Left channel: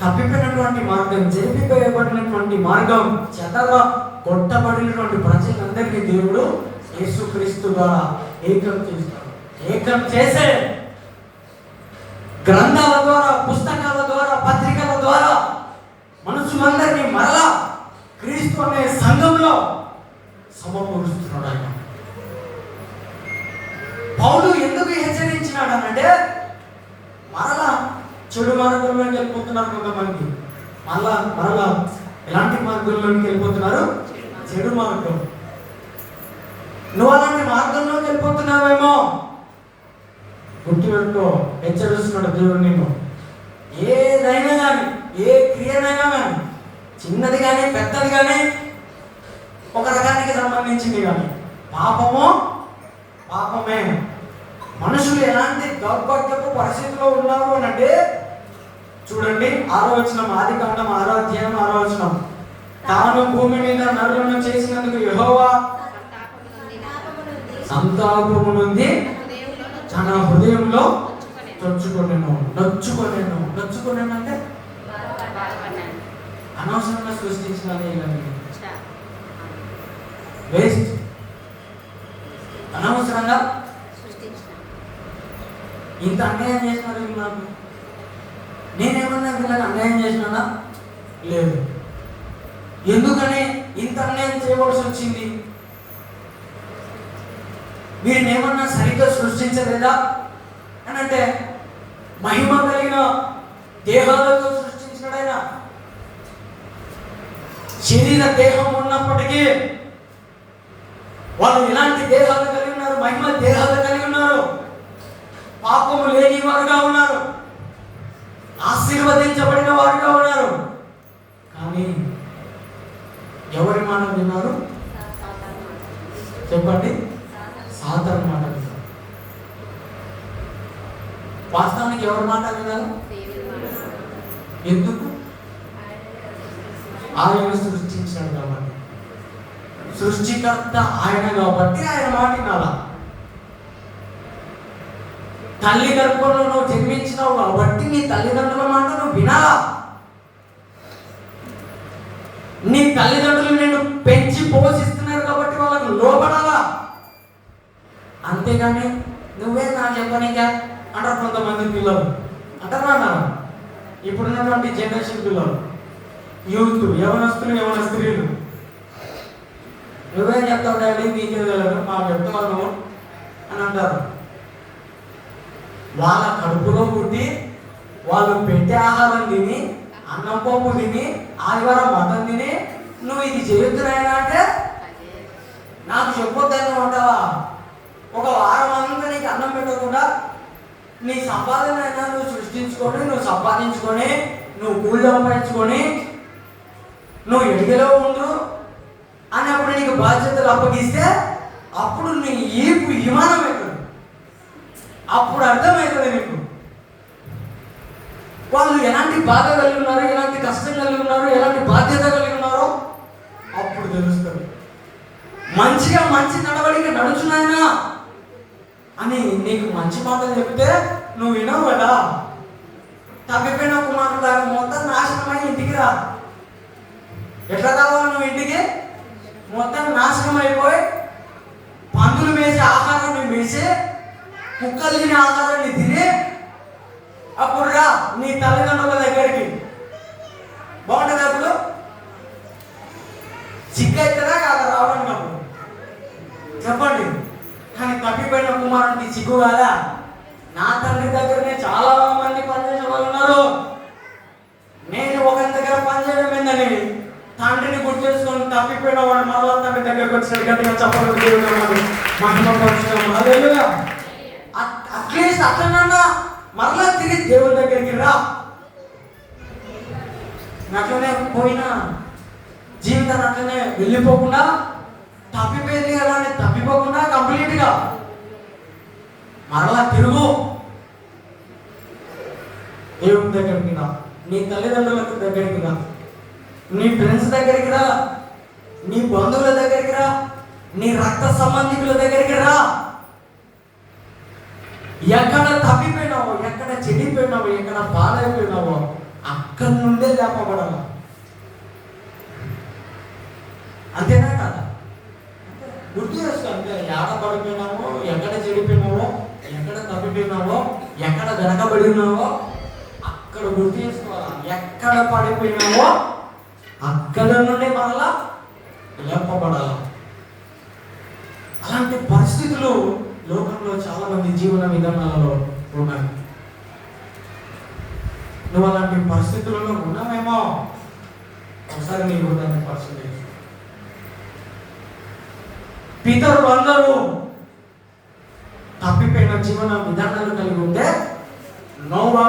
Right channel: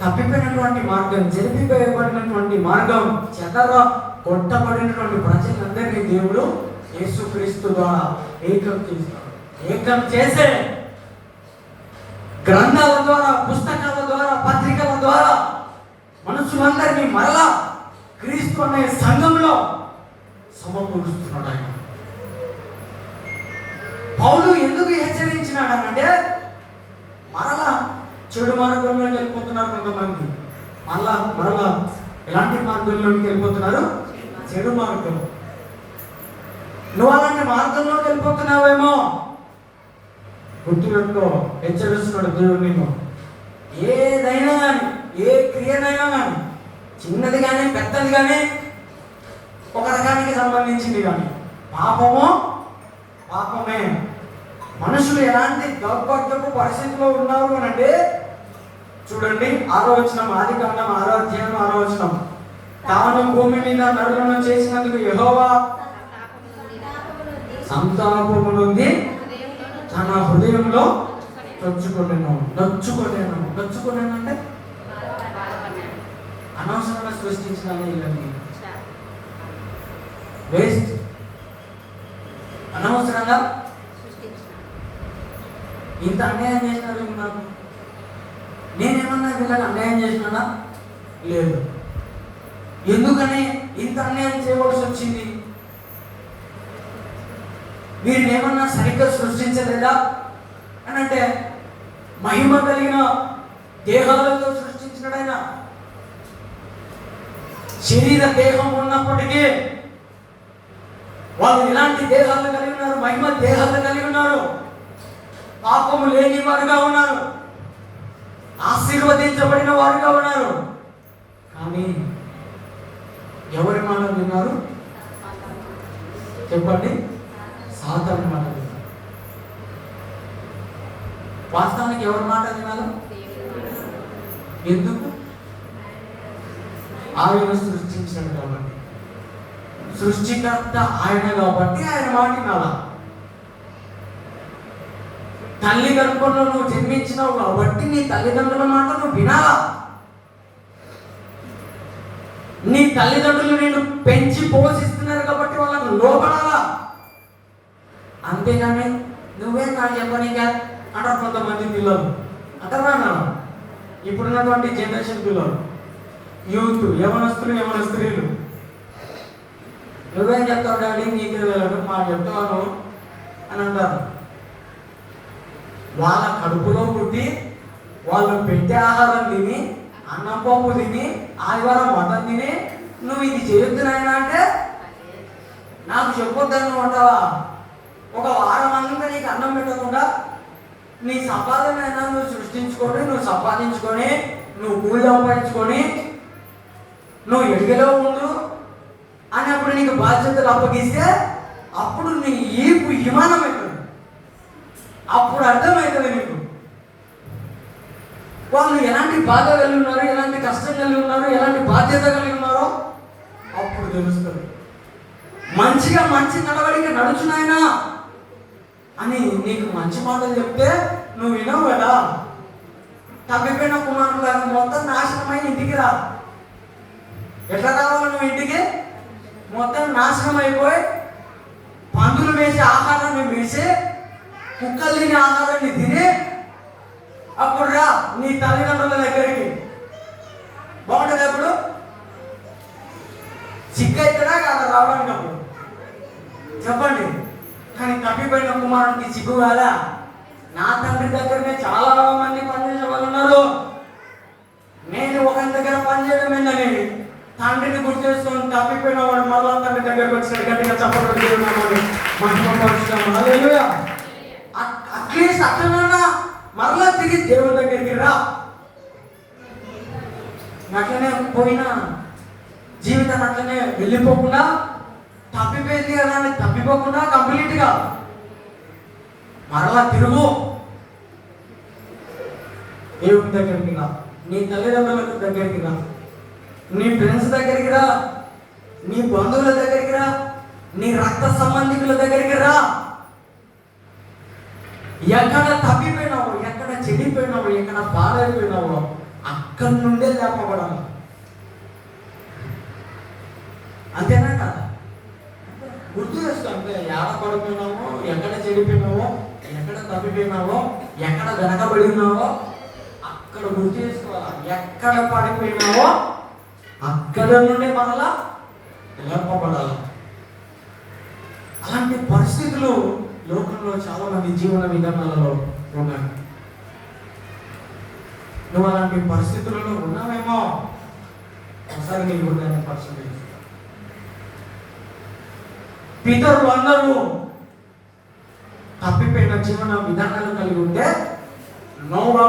తప్పిపోయినటువంటి మార్గం జరిపిపోయబడినటువంటి మార్గం చెదర కొట్టబడినటువంటి ప్రజలందరినీ దేవుడు యేసుక్రీస్తు ద్వారా ఏకం చేస్తాడు. ఏకం చేసే గ్రంథాల ద్వారా పుస్తకాల ద్వారా పత్రికల ద్వారా మనుషులందరినీ మరలా క్రీస్తు అనే సంఘంలో సమకూరుస్తున్నాడు ఆయన. పౌలు ఎందుకు హెచ్చరించినాడు అనంటే మరలా చెడు మార్గంలోకి వెళ్ళిపోతున్నారు కొంతమంది. మరలా మరలా ఎలాంటి మార్గంలోకి వెళ్ళిపోతున్నారు? చెడు మార్గం. నువ్వు అలాంటి మార్గంలోకి వెళ్ళిపోతున్నావేమో? గుర్తుపెట్టుకో హెచ్చరిస్తున్నాడు దేవుడు నేను ఏదైనా కానీ ఏ క్రియనైనా కానీ చిన్నది కానీ పెద్దది కానీ ఒక రకానికి సంబంధించింది కానీ పాపము పాపమే. మనుషులు ఎలాంటి దౌర్భాగ్యపు పరిస్థితిలో ఉన్నారు అని అంటే చూడండి ఆలోచన ఆది కాండం ఆరాధ్యం ఆలోచనం. తాను భూమి మీద నరులను చేసినందుకు యహోవా సంతాపము నుండి తన హృదయంలో నొచ్చుకొనేను. నొచ్చుకోలేను నొచ్చుకోలేను అంటే అనవసరంగా సృష్టించిన వేస్ట్ అనవసరంగా ఇంత అన్యాయం చేసినారు వీళ్ళు నాకు నేనేమన్నా వీళ్ళకి అన్యాయం చేసినానా? లేదు. ఎందుకని ఇంత అన్యాయం చేయవలసి వచ్చింది? వీరిని ఏమన్నా సరిగ్గా సృష్టించలేదా? అని అంటే మహిమ కలిగిన దేహాలతో సృష్టించినడైన శరీర దేహం ఉన్నప్పటికీ వాళ్ళు ఎలాంటి దేహాలు కలిగినారు? మహిమ దేహాలు పాపము లేని వారుగా ఉన్నారు. ఆశీర్వదించబడిన వారుగా ఉన్నారు. కానీ ఎవరి మాట విన్నారు? చెప్పండి. సాధారణ మాట విన్నారు. వాస్తవానికి ఎవరి మాట విన్నారు? ఎందుకు? ఆయన సృష్టించాడు కాబట్టి. సృష్టికర్త ఆయన కాబట్టి ఆయన మాట వినాలా? తల్లిదండ్రులను జన్మించిన నువ్వు జన్మించినావు కాబట్టి నీ తల్లిదండ్రుల మాట నువ్వు వినాలా? నీ తల్లిదండ్రులు నేను పెంచి పోషిస్తున్నారు కాబట్టి వాళ్ళకు లోపడాలా అంతేగాని నువ్వే నాకు చెప్పనిగా అంటారు కొంతమంది పిల్లలు. అంటారా ఇప్పుడున్నటువంటి జనరేషన్ పిల్లలు. యూత్ యవనస్తులు యవన స్త్రీలు నువ్వేం చెప్తావు డాడీ? నీకే మా చెప్తాను అని అంటారు. వాళ్ళ కడుపులో పుట్టి వాళ్ళు పెట్టే ఆహారం తిని అన్నం పప్పు తిని ఆదివారం మటన్ తిని నువ్వు ఇది చేస్తున్నాయినా అంటే నాకు చెప్పొద్దని అంటావా? ఒక వారం అంతా నీకు అన్నం పెట్టకుండా నీ సంపాదన అయినా నువ్వు సృష్టించుకొని నువ్వు సంపాదించుకొని నువ్వు కూలి సంపాదించుకొని నువ్వు ఎడిగలో ఉండు అని అప్పుడు నీకు బాధ్యతలు అప్పగిస్తే అప్పుడు నీ ఈపు విమానం అప్పుడు అర్థమవుతుంది నీకు వాళ్ళు ఎలాంటి బాధ కలిగి ఉన్నారు ఎలాంటి కష్టం కలిగి ఉన్నారు ఎలాంటి బాధ్యత కలిగి ఉన్నారో అప్పుడు తెలుస్తుంది. మంచిగా మంచి నడవడికి నడుచున్నాయనా అని నీకు మంచి మాటలు చెప్తే నువ్వు వినవు కదా. తప్పిపోయిన కుమారుడు దాన్ని మొత్తం నాశనమై ఇంటికి రా. ఎట్లా కావాలి నువ్వు ఇంటికి? మొత్తం నాశనం అయిపోయి పందులు వేసే ఆహారాన్ని వేసి కుక్కలు తినే ఆహారాన్ని తిని అప్పుడు రా నీ తల్లిదండ్రుల దగ్గరికి. బాగుంటుంది అప్పుడు సిగ్గైతేనా కాదు రావడానికి అప్పుడు చెప్పండి. కానీ తప్పిపోయిన కుమారుడికి సిగ్గు కాదా? నా తండ్రి దగ్గరనే చాలా మంది పనిచేసే వాళ్ళు ఉన్నారు. నేను ఒక దగ్గర పనిచేయడం ఏందని తండ్రిని గుర్తు చేసుకొని తప్పిపోయిన వాడు మళ్ళా తండ్రి దగ్గరకు వచ్చినట్టు గట్టిగా చెప్పడం మహిమ అట్లనన్నా మరలా తిరిగి దేవుని దగ్గరికి రా. అట్లనే పోయినా జీవితం అట్లనే వెళ్ళిపోకుండా తప్పిపోయింది కదా అని తప్పిపోకుండా కంప్లీట్గా మరలా తిరుగు. దేవుని దగ్గరికి రా. నీ తల్లిదండ్రులకు దగ్గరికి రా. నీ ఫ్రెండ్స్ దగ్గరికి రా. నీ బంధువుల దగ్గరికి రా. నీ రక్త సంబంధికుల దగ్గరికి రా. ఎక్కడ తప్పిపోయినావో ఎక్కడ చెడిపోయినావో ఎక్కడ పాడైపోయినావో అక్కడి నుండే లేపబడాలి. అంతేనా కదా? గుర్తు చేసుకో అంతే. ఎక్కడ పడిపోయినావో ఎక్కడ చెడిపోయినావో ఎక్కడ తప్పిపోయినావో ఎక్కడ వెనకబడి ఉన్నావో అక్కడ గుర్తు చేసుకోవాలి ఎక్కడ పడిపోయినావో అక్కడ నుండి మరలా లేపబడాల. అలాంటి పరిస్థితులు లోకంలో చాలా మంది జీవన విధానాలలో ఉన్నాయి నువ్వు అలాంటి పరిస్థితులలో ఉన్నావేమో? ఒకసారి నీ హృదయాన్ని పరిశీలి పితరులు అందరూ తప్పిపోయిన జీవన విధానాలు కలిగి ఉంటే నోవా